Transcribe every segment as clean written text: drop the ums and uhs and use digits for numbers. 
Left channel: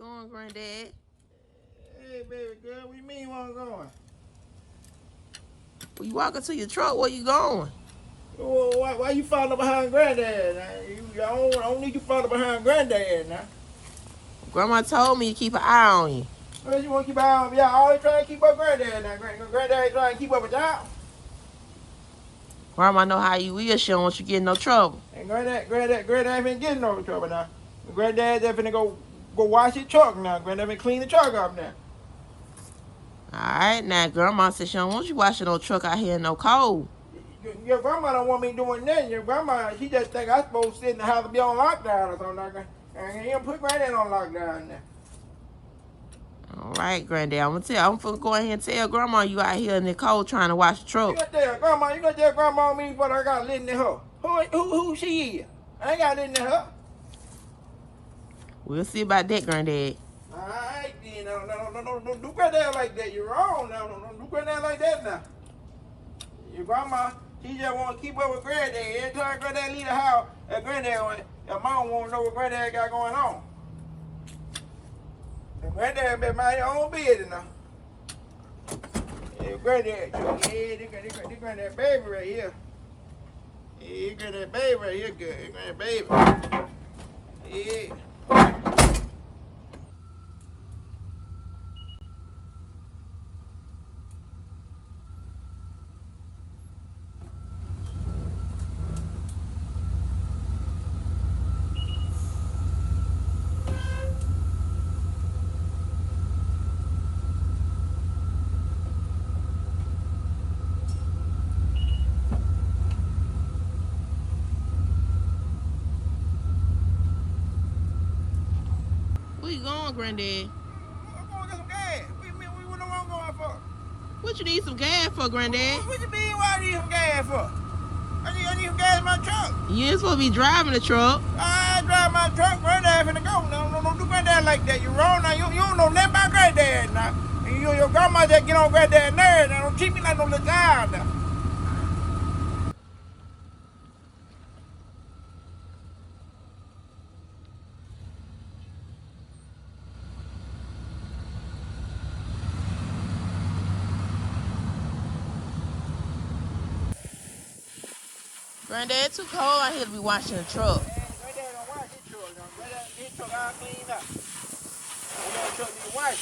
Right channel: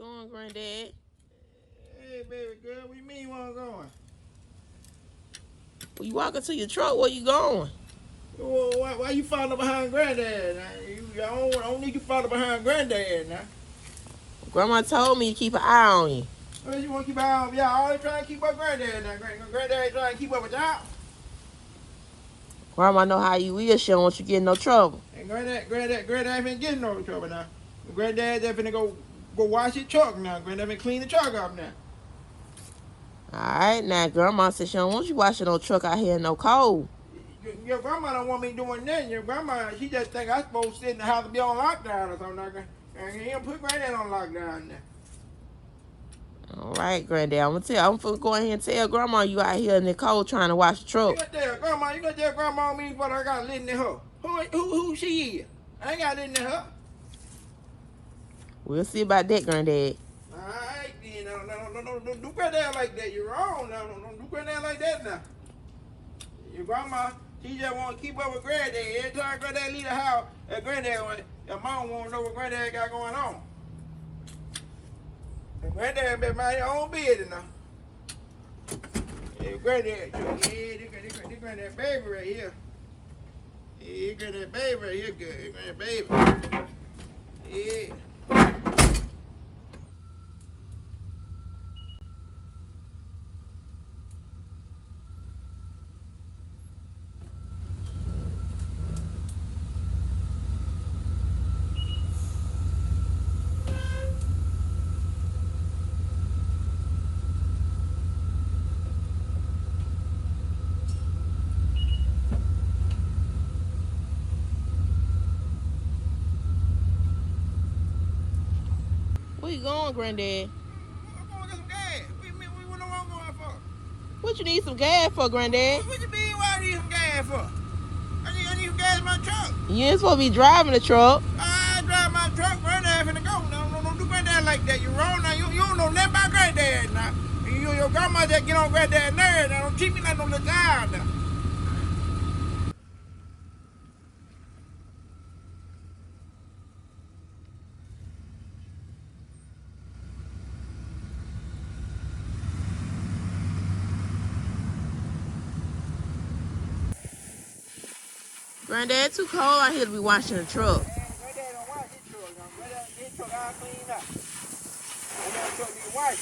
going, Granddad? Hey, baby girl, what you mean where I'm going? Well, you walking to your truck, where you going? Oh, why you following behind Granddad now? I don't need you following behind Granddad now. Grandma told me to keep an eye on you. Well, you want to keep an eye on me? Y'all always trying to keep up Granddad now. Granddad ain't trying to keep up with y'all. Grandma know how you is. She don't want you get in no trouble. And Granddad ain't been getting no trouble now. Granddad just finna go wash his truck now. Granddad been clean the truck up now. Alright, now Grandma said she don't want you washing no truck out here in no cold. Your grandma don't want me doing nothing. Your grandma, she just think I'm supposed to sit in the house and be on lockdown or something like that. And he don't put Granddad on lockdown now. Alright, Granddad, I'm finna go ahead and tell Grandma you out here in the cold trying to wash the truck. You gonna tell grandma me what I got living in her. Who she is? I ain't got living in her. We'll see about that, Granddad. Alright, then. Don't do Granddad like that. You're wrong now. Don't do Granddad like that now. Your grandma, she just want to keep up with Granddad. Every time Granddad leave the house, your mom want to know what Granddad got going on. And Granddad been mind his own business now. Yeah, Granddad, this Granddad baby right here. Yeah, Granddad baby right here, good. Granddad baby. Yeah. Where you going, Granddad? I'm going to get some gas. What know what I'm going for? What you need some gas for, Granddad? What you mean why I need some gas for? I need some gas in my truck. You ain't supposed to be driving the truck. I drive my truck, Granddad finna go. No, don't do Granddad like that. You wrong now. You don't know nothing about Granddad now. And your grandma just get on Granddad nerves now. Don't treat me like no little child now. Granddad, it's too cold out here to be washing the truck. Granddad don't wash his truck. His truck all cleaned up. Granddad truck need to wash.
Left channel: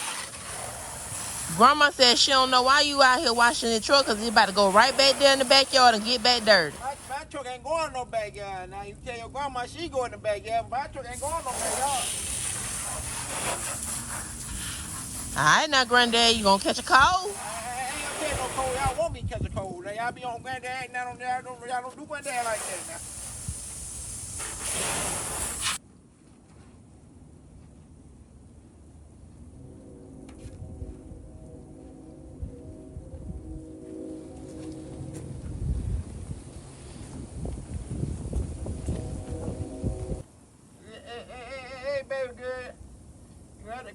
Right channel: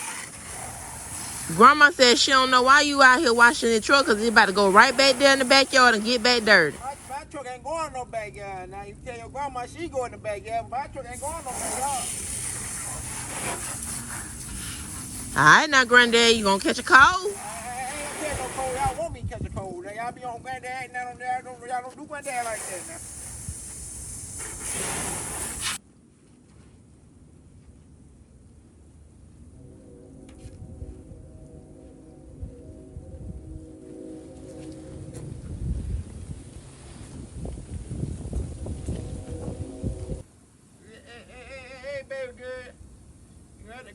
Grandma said she don't know why you out here washing the truck because it's about to go right back there in the backyard and get back dirty. My truck ain't going no backyard. Now you tell your grandma she go in the backyard, but my truck ain't going no backyard. Alright now, Granddad, you gonna catch a cold? I ain't gonna catch no cold. Y'all want me to catch a cold. Y'all be on Granddad. Y'all don't do Granddad like that now. Hey, baby girl.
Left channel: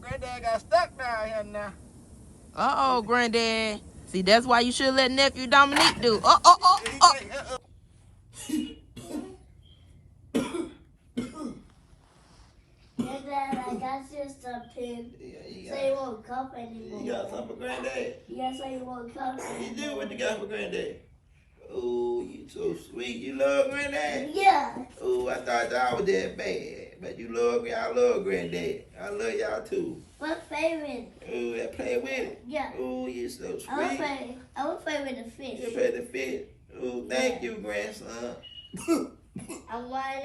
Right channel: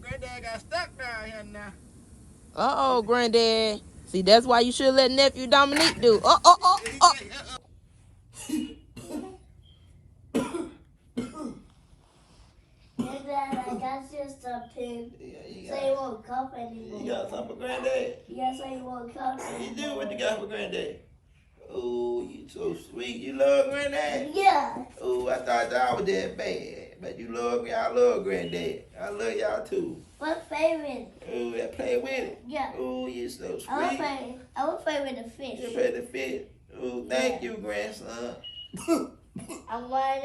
Granddad got stuck down here now. Uh-oh, Granddad. See, that's why you should let nephew Dominique do. Granddad, I got you something. So you won't come anymore. You got something for Granddad? Yes, so you won't come anymore. You do what you got for Granddad. Oh, you so sweet. You love Granddad? Yeah. Oh, I thought y'all was that bad. But y'all love Granddad. I love y'all too. What favorite? Oh, I play with it. Yeah. Oh, you so sweet. I will play with the fish. You play the fish. Oh, thank you, grandson. I'm a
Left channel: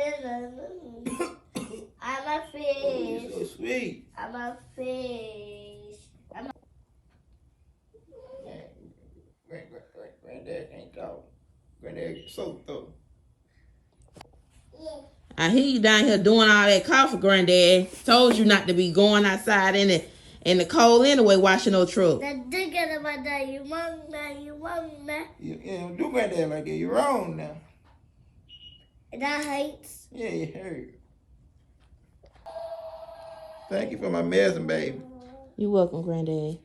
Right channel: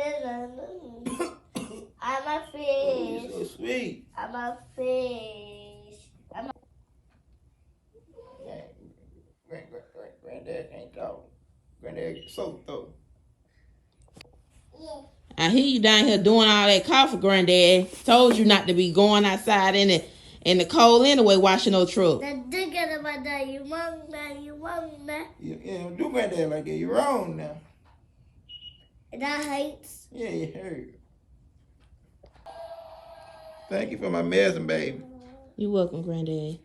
fish. Oh, you so sweet. I'm a fish. Granddad can't talk. Granddad get so though. Yeah. I hear you down here doing all that coffee, Granddad. Told you not to be going outside in the cold anyway, washing no truck. Then do get about that. You want that. You don't do Granddad like that. You're wrong now. That hurts. Yeah, you heard. Thank you for my medicine, baby. You're welcome, Granddad.